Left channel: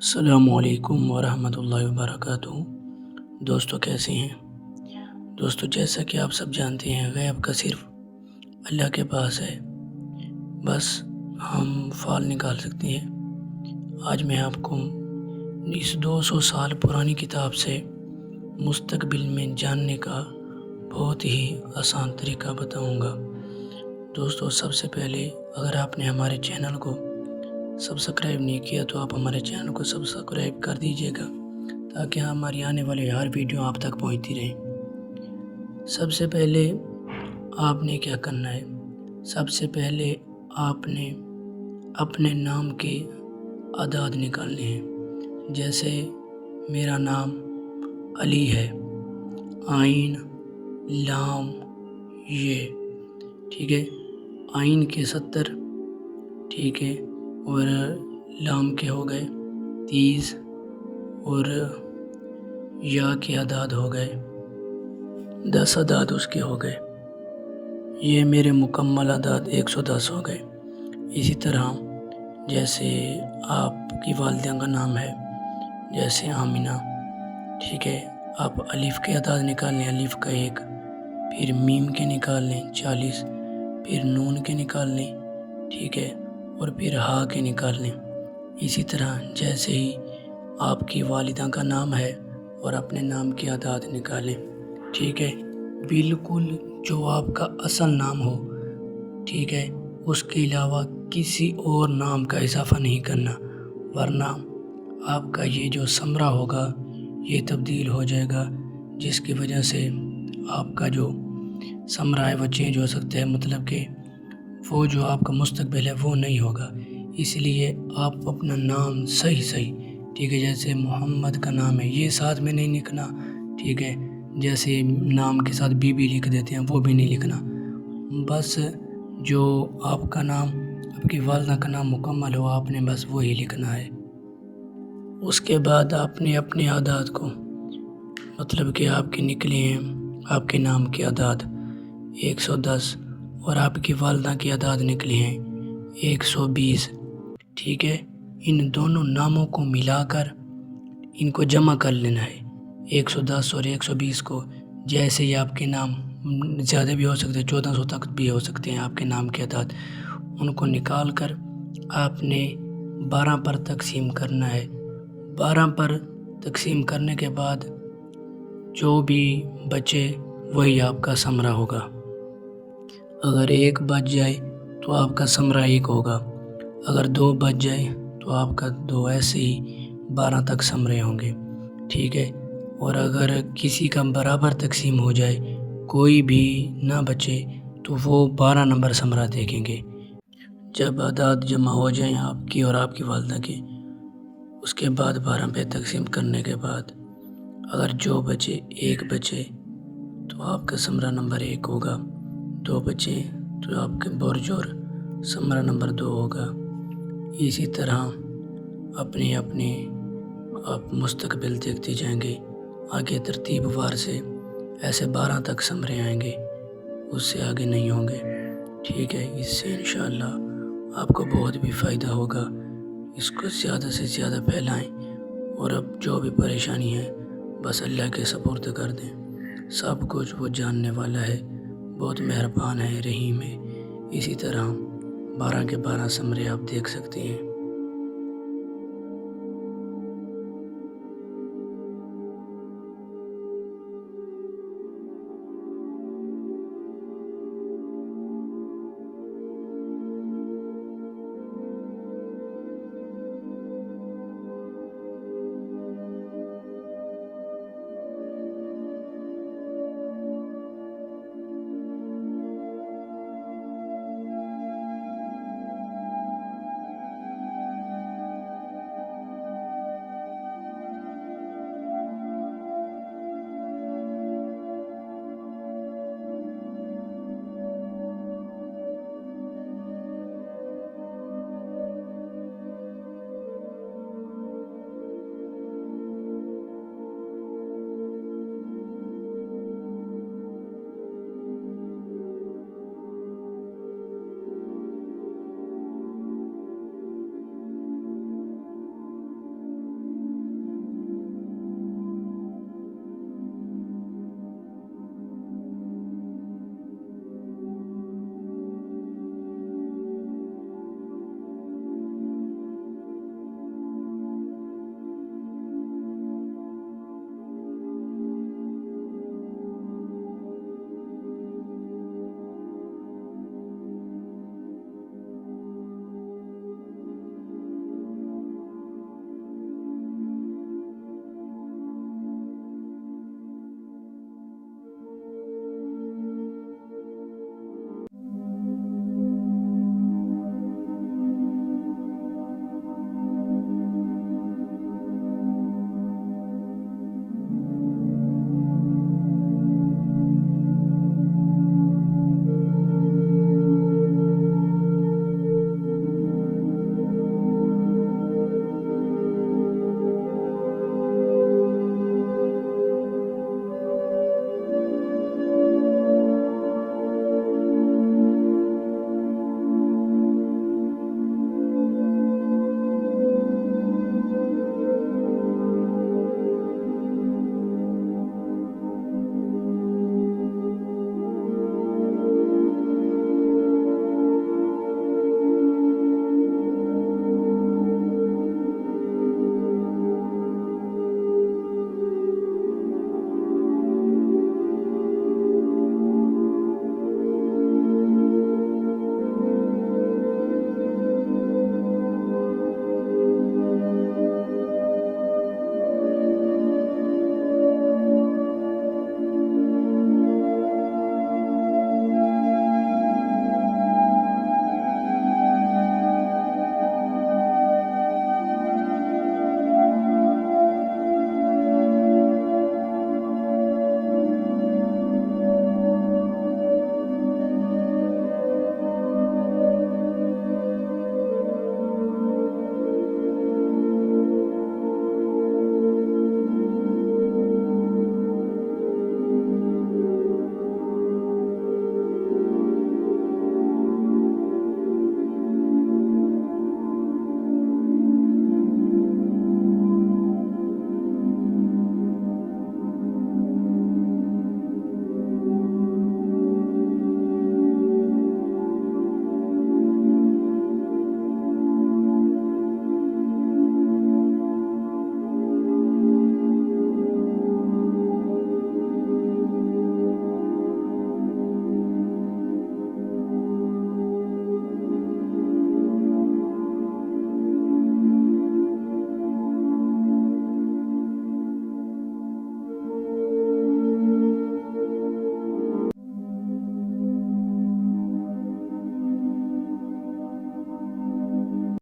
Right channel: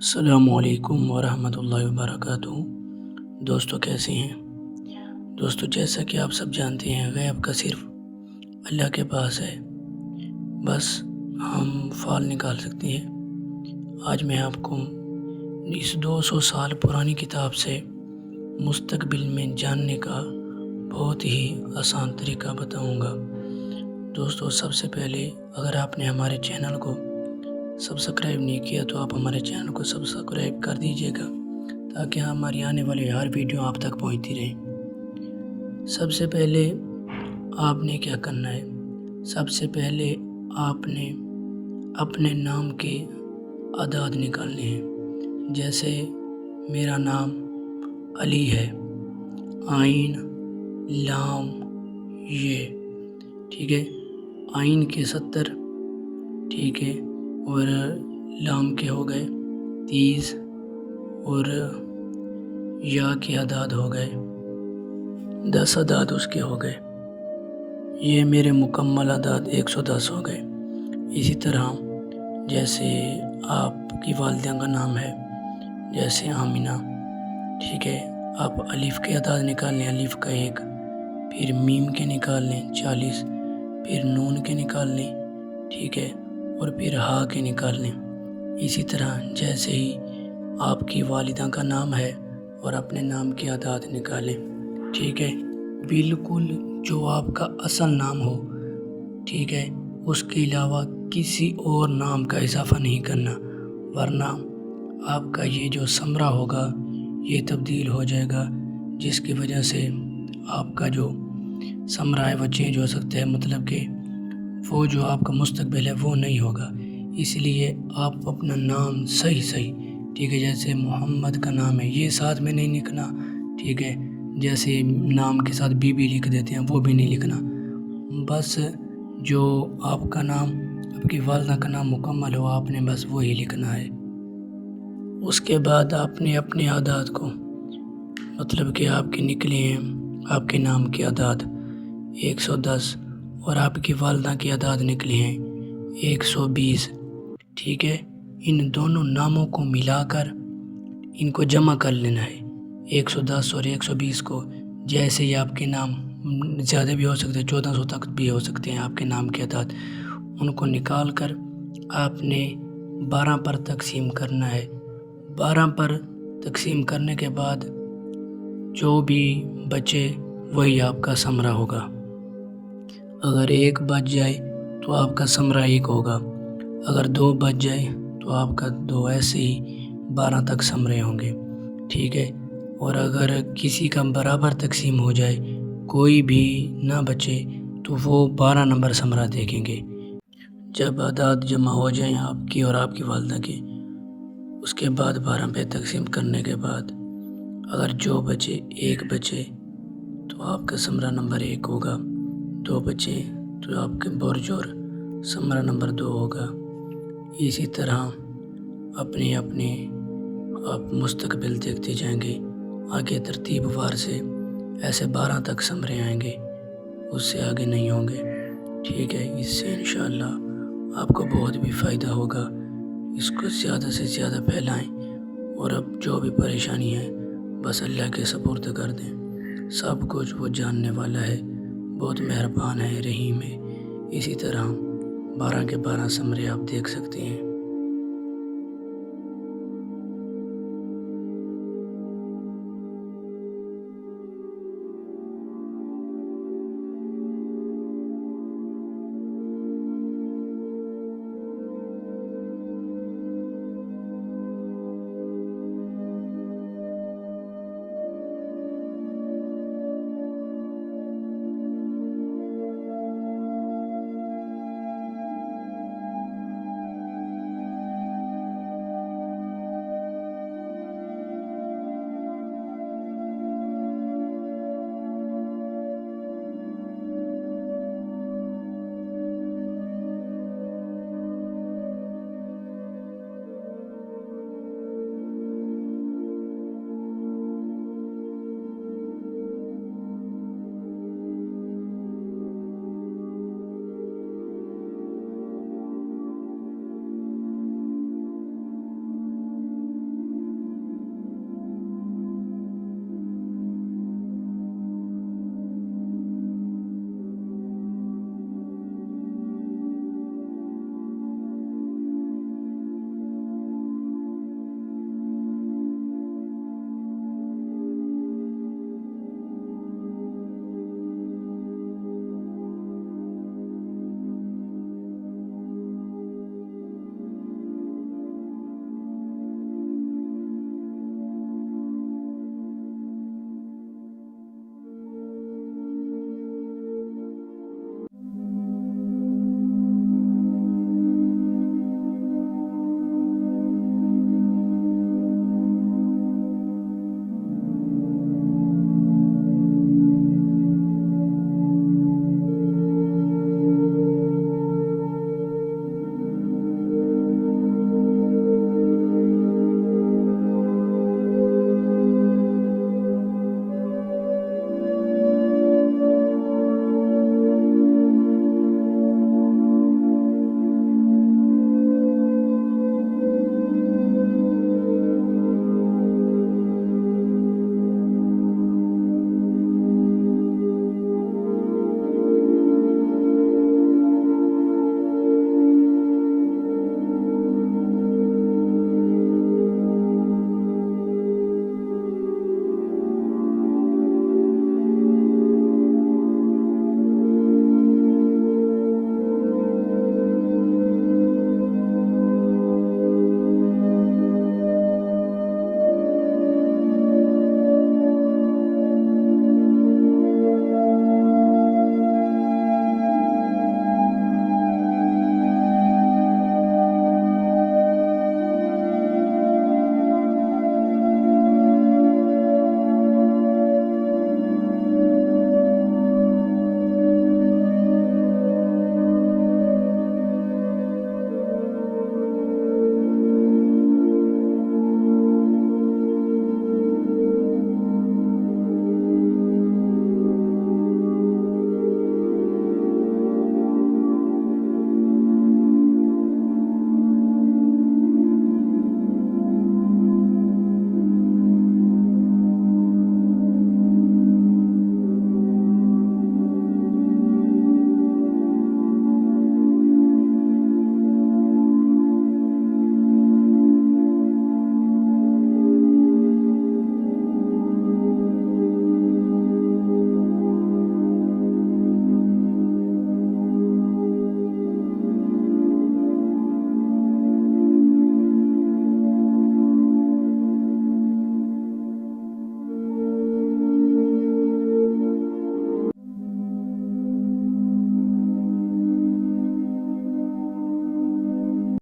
السلام علیکم ورحمۃ اللہ وبرکاتہ۔ دوستو کیسے ہیں؟ دوستو جیسا کہ آپ سب جانتے ہیں، غیب کا صرف اللہ کے پاس ہے، بس ہم فال نکال سکتے ہیں۔ آج میں آپ کو اس 200 سال پرانی کتاب سے مستقبل میں جاننے کا بہت ہی آسان طریقہ بتاؤں گا۔ دوستو سب سے پہلے اگر آپ نے ہمارے چینل کو سبسکرائب نہیں کیا تو آپ ہمارے چینل کو سبسکرائب کر دیجیے گا تاکہ ہماری آنے والی ہر ویڈیو آپ تک پہنچتی رہے۔ سب سے پہلے آپ نے کیا کرنا ہے؟ سب سے پہلے آپ نے اپنے نام کے اعداد نکالنے ہیں۔ جیسے میرا نام علی ہے، عین لام یہ، ٹھیک ہے، عین کے 70، ٹھیک ہے، اور لام کے ہو گئے 30 اور یا کے اعداد ہو گئے 10 اعداد اس کے ہو گئے۔ یہ میرے مکمل اعداد 110 ہو گئے۔ اسی طرح جیسے آپ کی والدہ کا نام ہے، جیسے آمینہ، ٹھیک ہے، آپ الف کے اعداد نکال لیں، الف کا 1، پھر میم کے نکال لیں 40، پھر نون کے نکال لیں، ٹھیک ہے، اور پھر ہا کے نکال لیں۔ اسی طرح جیسے ہی آپ کی والدہ کا نام ہے اور اپنے نام کے اعداد نکالیں، ٹھیک ہے، بالکل جو آپ کا اصل نام ہو، ٹھیک ہے، اس کے علاوہ کسی اور نام کا اضافہ نہیں کرنا، ورنہ آپ کا یہ جو ثمرہ ہوگا یہ تبدیل ہو جائے گا، جس کی وجہ سے آپ کا جو ثمرہ ہے وہ چینج ہو سکتا ہے، مطلب کہ وہ جو آپ کا مستقبل ہے وہ نہیں ہوگا۔ اس لیے آپ اپنا نام صحیح، ٹھیک ہے، جیسے محمد کا نام ہے یہ ساتھ میں نہیں لکھنا، ٹھیک ہے، جیسے نام کے ساتھ بی بھی لکھ دیتے ہیں وہ بھی نہیں لکھنا، بس جو آپ کا نام، آپ کی والدہ کا نام مکمل ہو آپ نے بس وہی لکھنا ہے۔ اس کے بعد آپ نے اپنے اعداد کو، مطلب کہ آپ کے نکلے ہیں آپ کے نام کے اعداد 110 اور آپ کی والدہ کے اعداد نکلے ہیں 120، ٹھیک ہے، ان دونوں ناموں کو ملا کر ان کو جمع کر لینا ہے، 110 اور 120 کو۔ جیسے ہی آپ کے نام زیادہ بھی ہو سکتے ہیں، 1400 تک بھی ہو سکتے ہیں آپ کے نام کے اعداد، ان کو نکال کر آپ نے 12 پر تقسیم کرنا ہے۔ 12 پر تقسیم کرنے کے بعد جو بھی بچے وہی آپ کا ثمرہ ہوگا۔ اگر 1 بچ جائے تو آپ کا ثمرہ 1 ہوگا، اگر 2 بچ جائے تو آپ کا 2، ایسے ہی 12 تک ثمرے ہوں گے، ٹھیک ہے۔ اور اگر کسی کا برابر تقسیم ہو جائے، کوئی بھی نہ بچے، تو وہ 12 نمبر ثمرہ دیکھیں گے۔ جب اعداد جمع ہو جائیں آپ کی اور آپ کی والدہ کے، اس کے بعد 12 پہ تقسیم کرنے کے بعد اگر جو بچے 1 بچے تو آپ کا ثمرہ نمبر 1 ہوگا، 2 بچے تو آپ کے برجور ثمرہ نمبر 2 ہوگا۔ اسی طرح اپنے آپ مستقبل دیکھتے جائیں گے، آگے ترتیب وار سے ایسے 12 تک ثمرے آئیں گے، اس سے آگے نہیں ہوں گے، ٹھیک ہے۔ اس سے انشاءاللہ آپ کو بہت بھی فائدہ ہوگا۔ اس کو زیادہ سے زیادہ پھیلائیں، اور اب جو بھی پریشانی ہے بس اللہ کے سپرد کر دیں، سب کچھ وہ جاننے والا ہے، بہت مہربان ہے، رحیم ہے۔ اسی طرح 12 کے 12 ثمرے آپ دیکھ سکتے ہیں۔